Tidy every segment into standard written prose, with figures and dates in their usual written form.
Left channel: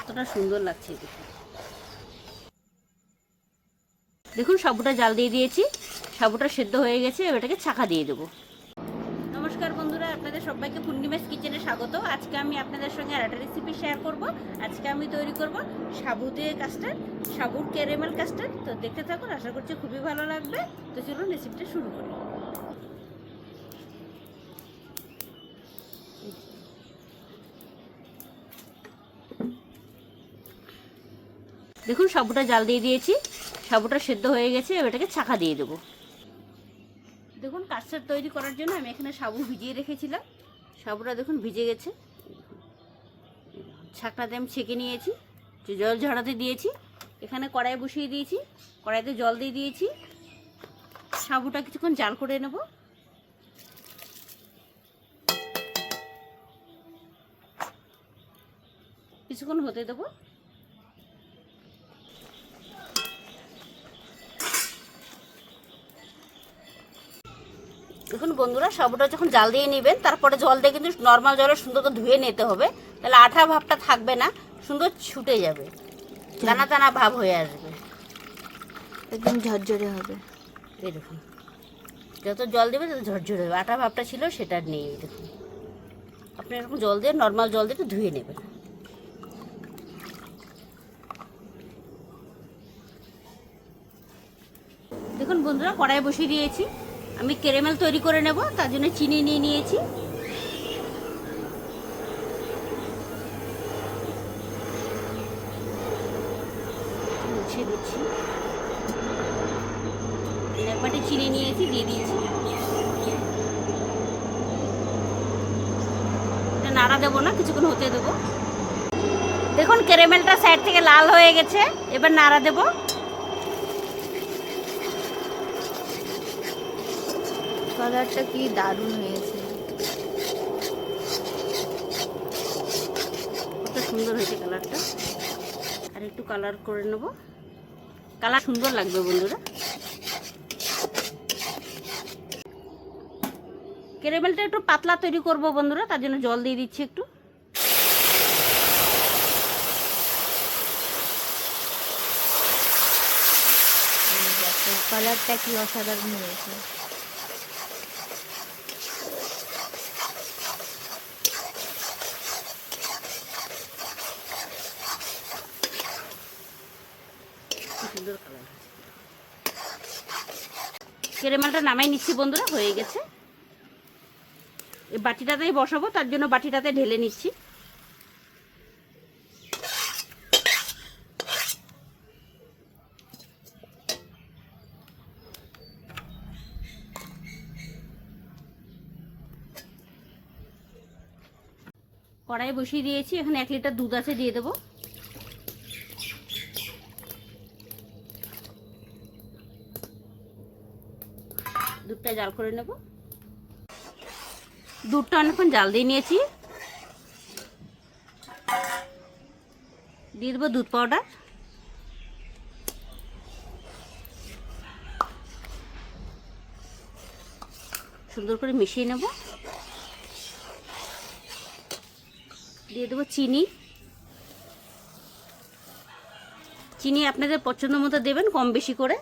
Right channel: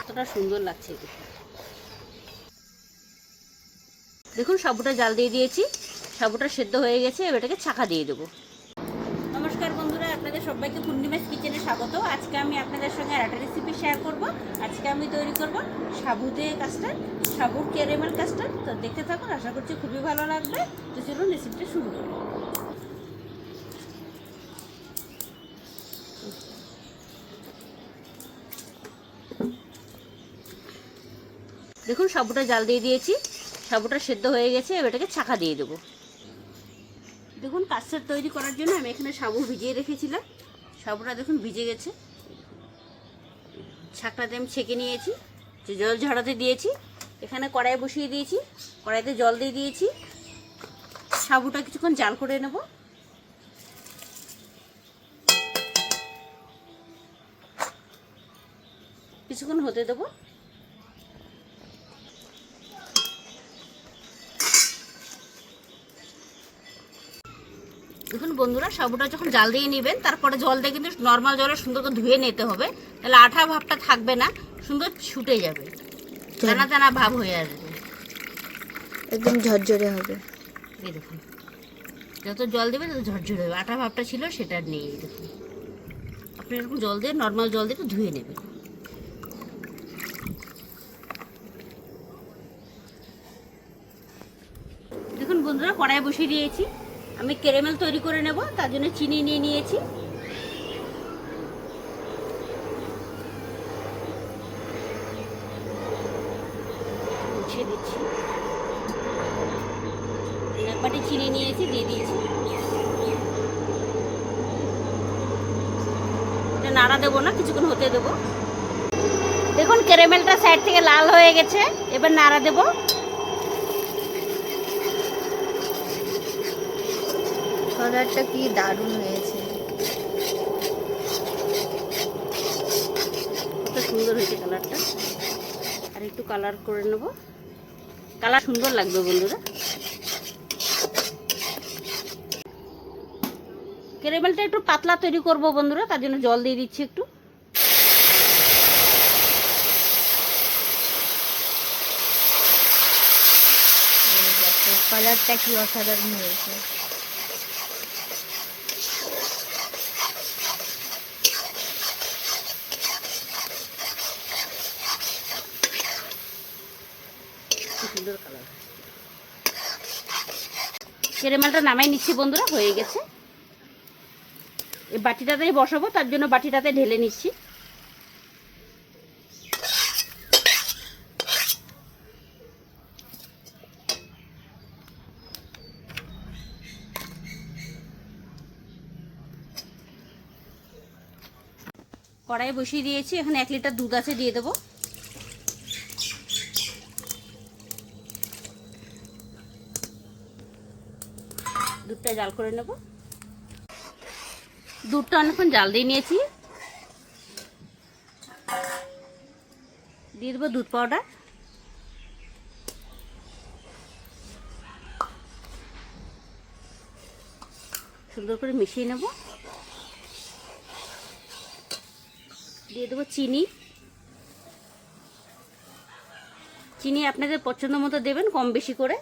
কতটা সুন্দর লাগছে দেখুন। সাবুটা জাল দিয়ে দিয়েছি, সাবুটা সেদ্ধ হয়ে গেছে। এবার এটাকে ছাঁকা দিয়ে দেবো। নমস্কার বন্ধুরা, আপনাদের সবাইকে পূর্ণিমাস কিচেনে স্বাগত। আজকে আমি আপনাদের সঙ্গে একটা রেসিপি শেয়ার করব। আজকে আমি তৈরি করব সাবু দিয়ে কাস্টার্ড, সাবুর ক্যারামেল কাস্টার্ড। তো দেখতে থাকুন, আশা করছি খুবই ভালো লাগবে। তো চলুন রেসিপিটা শুরু করব। দেখুন সাবুটা জাল দিয়ে দিয়েছি, সাবুটা সেদ্ধ হয়ে গেছে। এবার এটাকে ছাঁকা দিয়ে দেবো। দেখুন কাস্টার্ড তৈরি করার জন্য আমি এখানে সাবু ভিজিয়ে রেখেছিলাম। সাবুটা দেখুন ভিজে গেছে। ছাঁকটাতে আমি ছেঁকে নিয়েছি, জল ঝরাতে দিয়েছি। এখানে কড়াই বসিয়ে দিয়েছি, কড়াইতে জল দিয়ে দিয়েছি। সাবুটা কিছুক্ষণ জাল করে নেব। কিছুক্ষণ হতে দেবো। দেখুন বন্ধুরা, সাবুটা যখন জাল দিয়ে নেবেন, তারপরে জল দিয়ে কিন্তু নর্মাল জলে সুন্দর করে ধুয়ে নিতে হবে। তাহলে আঠা ভাবটা থাকবে না, সুন্দর ছুটে যাবে, দানা দানা ভাব হয়ে আসবে, একদম ঝরঝরে হবে। এই দেখুন, যত জল দেবে তত ঝরঝরে হবে। আঠা ভাবটা ছিল সেটা নেই। দেখুন আপনি এরকম জল দিয়ে, নর্মাল জল দিয়ে একটু ধুয়ে নেবেন। দেখুন বন্ধুরা, কড়াই বসিয়ে দিয়েছি। আমি ক্যারামেল তৈরি করে নেব, তার জন্য চিনি নিয়ে নিয়েছি। মুছিয়ে দিচ্ছি। এক বাটি চিনি নিয়েছি, দিয়ে দিয়েছি। নাড়া দেবো না, কিছুক্ষণ হতে দেবো। দেখুন ক্যারামেলটা সাইড থেকে লাল হয়ে গেছে। এবার নাড়া দেবো। কালারটা কি দারুণ হয়েছে, কত সুন্দর হয়েছে কালারটা। আর একটু কালার করে নেব, কালার সুন্দর লাগবে বন্ধুরা। ক্যারামেলটা একটু পাতলা তৈরি করব বন্ধুরা, তার জন্য জল দিয়ে দিচ্ছি একটু। কালারটা কি অসাধারণ হয়েছে। সুন্দর কালার। ক্যারামেলটা নামাই নিচ্ছি বন্ধুরা, হয়ে গেছে। এই বাটিটাতেই বসাবো, তার জন্য বাটিটাতে ঢেলে নিচ্ছি। কড়াই বসিয়ে দিয়েছি, এখানে 1 লিটার দুধ আছে, দিয়ে দেবো। দুধটা জাল করে নেব। দুধটা অনেকক্ষণ জাল দিয়ে নিয়েছি। দিয়ে দেবো দুধ পাউডার। সুন্দর করে মিশিয়ে নেব। দিয়ে দেবো চিনি। চিনি আপনাদের পছন্দ মতো দেবেন, কম বেশি করে।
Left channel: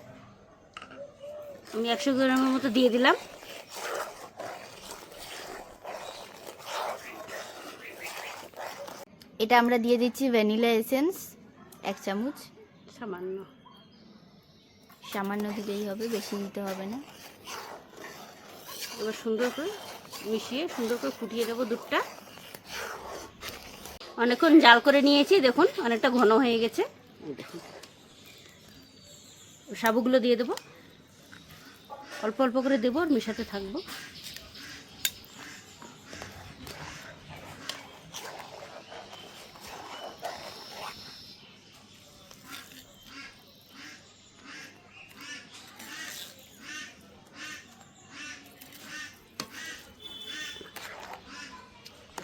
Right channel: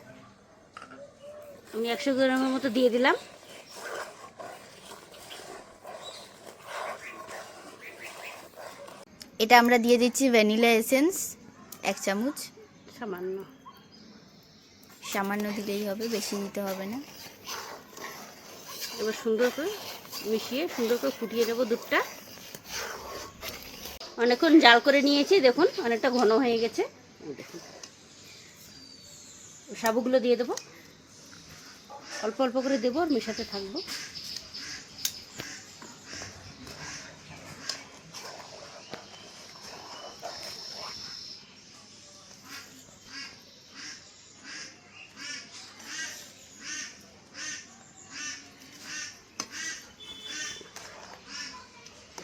আমি 100 গ্রামের মতো দিয়ে দিলাম। এটা আমরা দিয়ে দিচ্ছি ভ্যানিলা এসেন্স 1 চামচ। সামান্য, সামান্য দিলেই হবে, বেশি দিতে হবে না। এবার সুন্দর করে মিশিয়ে সুন্দর করে ফুটিয়ে নেব দুধটা। অনেকক্ষণ জাল করে নিয়েছি, দেখুন অনেকটা ঘন হয়ে গেছে। দেখুন সাবুগুলো দিয়ে দেবো, অল্প অল্প করে দেবো, আর মেশাতে থাকবো।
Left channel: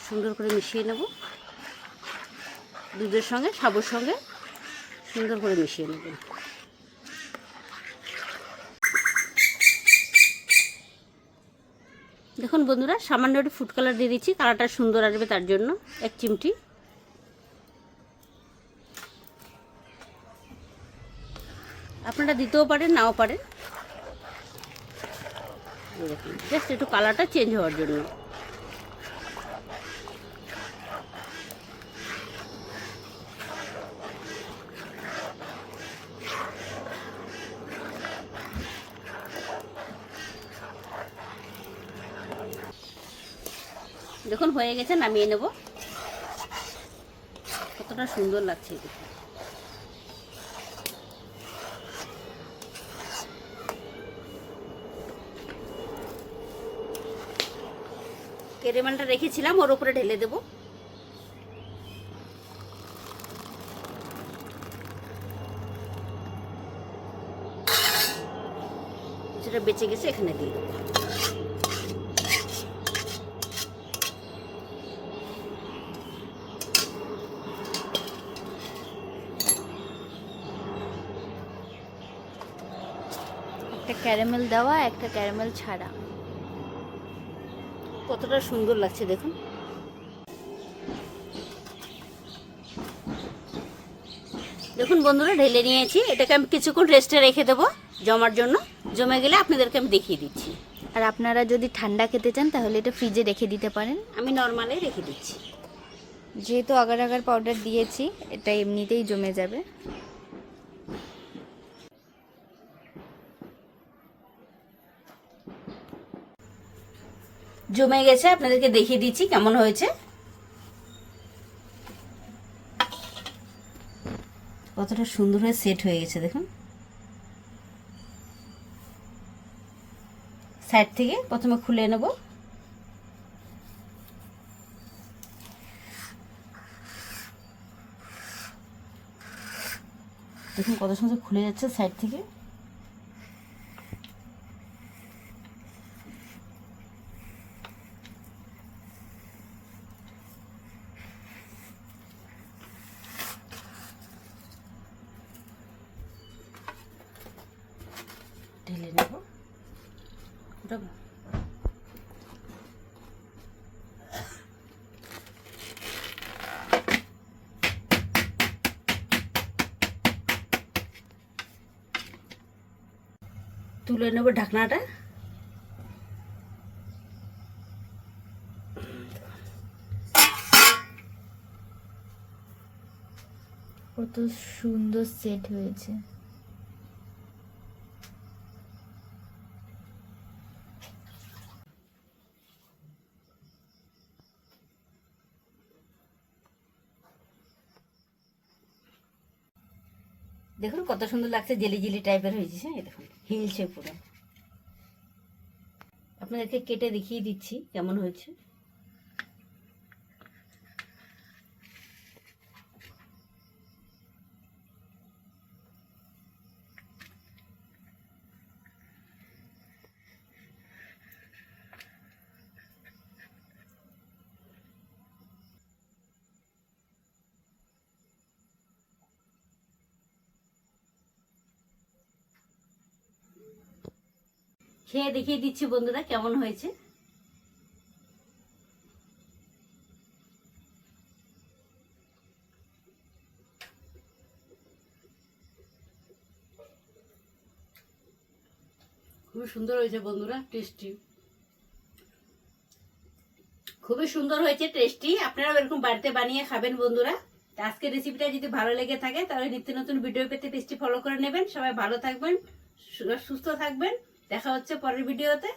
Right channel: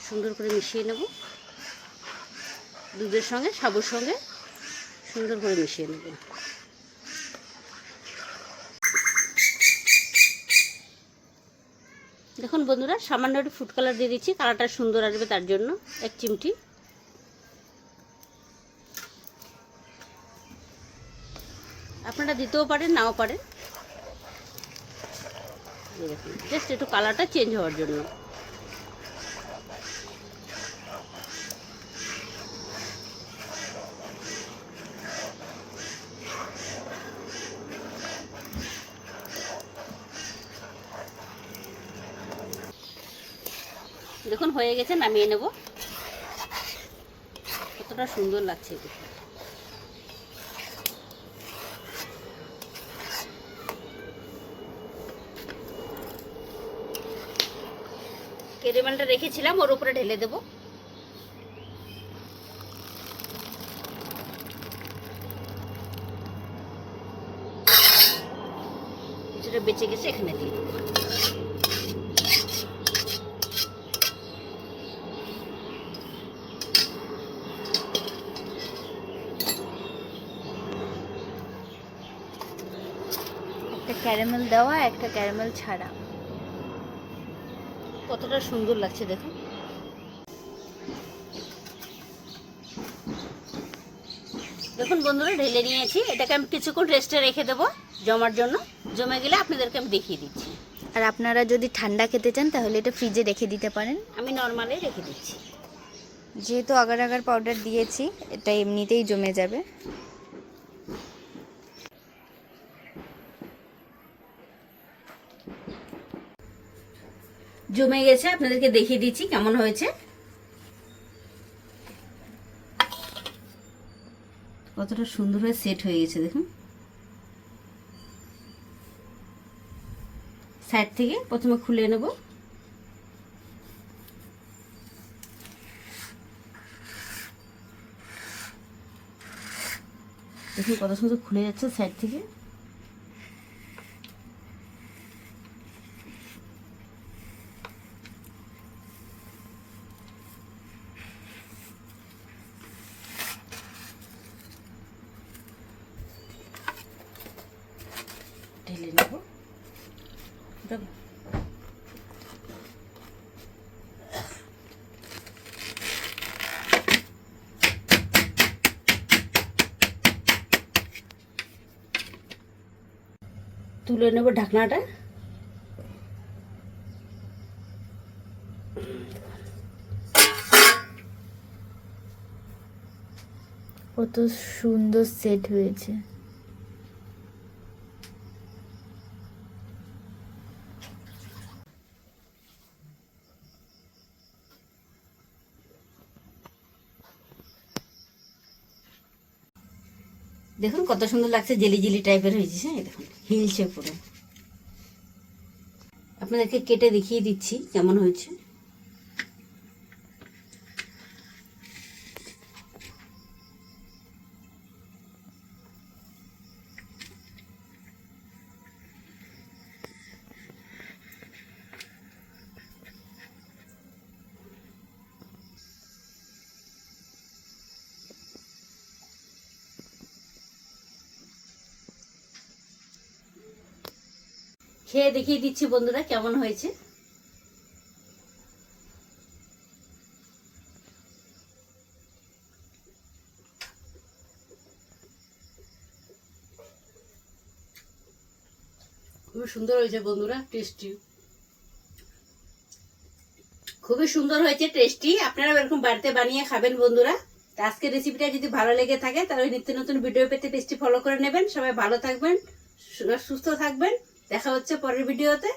সুন্দর করে মিশিয়ে নেব দুধের সঙ্গে, সাবুর সঙ্গে সুন্দর করে মিশিয়ে নেব। দেখুন বন্ধুরা, সামান্য একটু ফুড কালার দিয়ে দিচ্ছি, কালারটা সুন্দর আসবে তার জন্য 1 চিমটি। আপনারা দিতেও পারেন, নাও পারেন। জাস্ট একটু কালারটা চেঞ্জ হওয়ার জন্য। দেখুন হয়ে গেছে, নামিয়ে নেব। কতটা সুন্দর লাগছে দেখুন। ক্যারামেলটা রেখেছিলাম, ওর উপরে ঢেলে দেব। যেটা বেঁচে গেছে এখানে দিয়ে দেবো। একটা ক্যারামেল দেওয়া, একটা ক্যারামেল ছাড়া। কতটা সুন্দর লাগছে দেখুন। দেখুন বন্ধুরা, ঢেলে নিয়েছি। এটাকে আমি কিছুক্ষণ রেস্টে রেখে দেবো জমার জন্য। জমে গেলে আপনাদেরকে আমি দেখিয়ে দিচ্ছি। আর আপনারা যদি ঠান্ডা খেতে চান তাহলে এটা ফ্রিজে রেখে দিতে পারেন। আমি নর্মালে রেখে দিচ্ছি। যেহেতু আগার আগার পাউডার দিয়েছি, এটা এমনিতেই জমে যাবে। জমে গেছে, আপনাদেরকে দেখিয়ে দিচ্ছি কেমন হয়েছে। কতটা সুন্দর হয়ে সেট হয়ে গেছে দেখুন। সাইড থেকে প্রথমে খুলে নেব। দেখুন কত সুন্দর খুলে যাচ্ছে সাইড থেকে। ঢেলে নেব। তুলে নেব ঢাকনাটা। কত সুন্দর সেট হয়েছে। দেখুন কত সুন্দর লাগছে, জেলি জেলি টাইপের হয়েছে। হ্যাঁ দেখুন হিলছে পুরো। আপনাদেরকে কেটে দেখিয়ে দিচ্ছি কেমন হয়েছে। খেয়ে দেখিয়ে দিচ্ছি বন্ধুরা কেমন হয়েছে। খুবই সুন্দর হয়েছে বন্ধুরা, টেস্টি। খুবই সুন্দর হয়েছে, টেস্টি। আপনারা এরকম বাড়িতে বানিয়ে খাবেন বন্ধুরা। তো আজকের রেসিপিটা যদি ভালো লেগে থাকে তাহলে নিত্য নতুন ভিডিও পেতে পেজটি ফলো করে নেবেন। সবাই ভালো থাকবেন, সুস্থ থাকবেন। দেখা হচ্ছে পরের ভিডিওতে।